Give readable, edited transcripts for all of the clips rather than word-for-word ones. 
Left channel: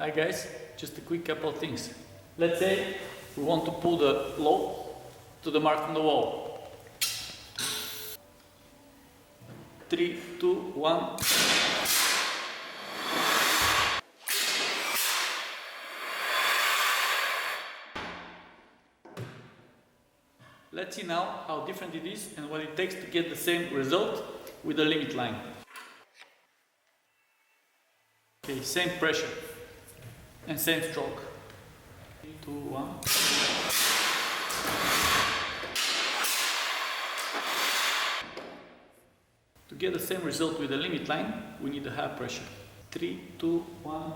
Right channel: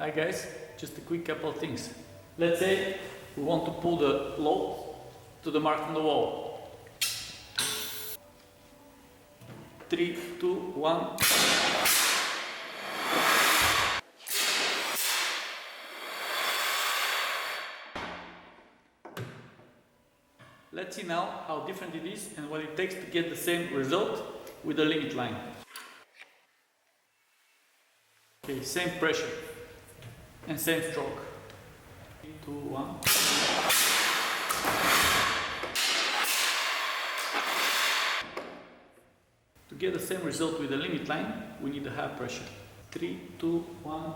Hi guys, just a quick couple of things. Let's say we want to pull the load to the mark on the wall. 3, 2, 1. Let's see now how different it is and what it takes to get the same result with the limit line. Okay, same pressure and same stroke. 3, 2, 1. To get the same result with the limit line, we need a high pressure. 3, 2, 1.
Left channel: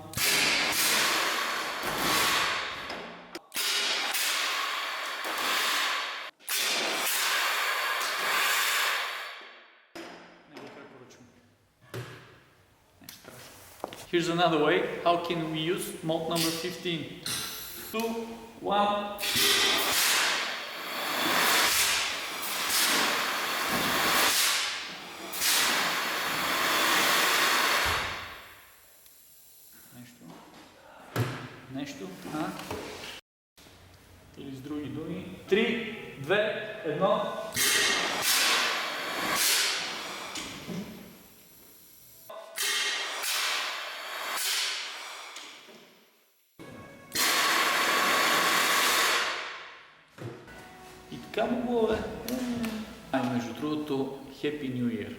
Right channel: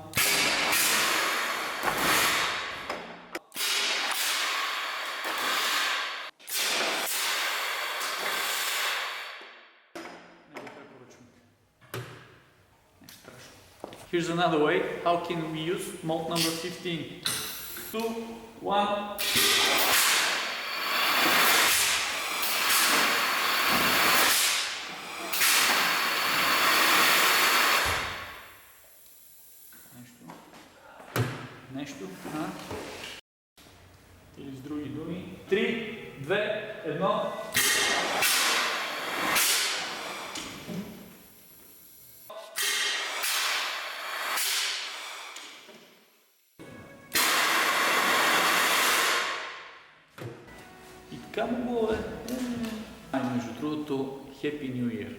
Here's another way. How can we use mode number 15? 2, 1. Нещо. Или с други думи. 3, 2, 1. И така му го е. Между другото, Happy New Year!